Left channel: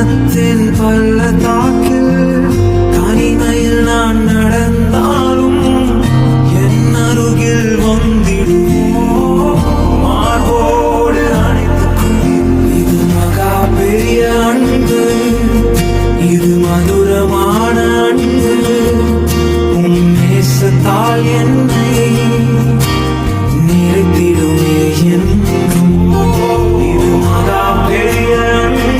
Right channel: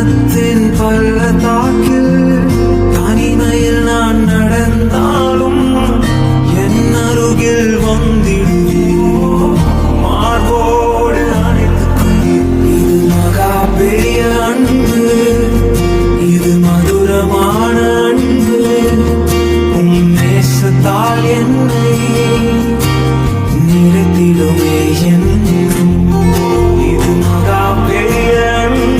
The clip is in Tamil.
மனத்தின் பள்ளத்தாக்கில் தனிமையில் நான் நடந்தாலும் என் அருகில் வந்திடுவே மார்போடு அணைத்துக் கொள்வீர். இது மகா பெரிய அன்பு, இது மதுரமான அன்பு. நேசத்தால் என்னை நிறைத்திடுமே என்றும். இது மகா பெரிய அன்பு,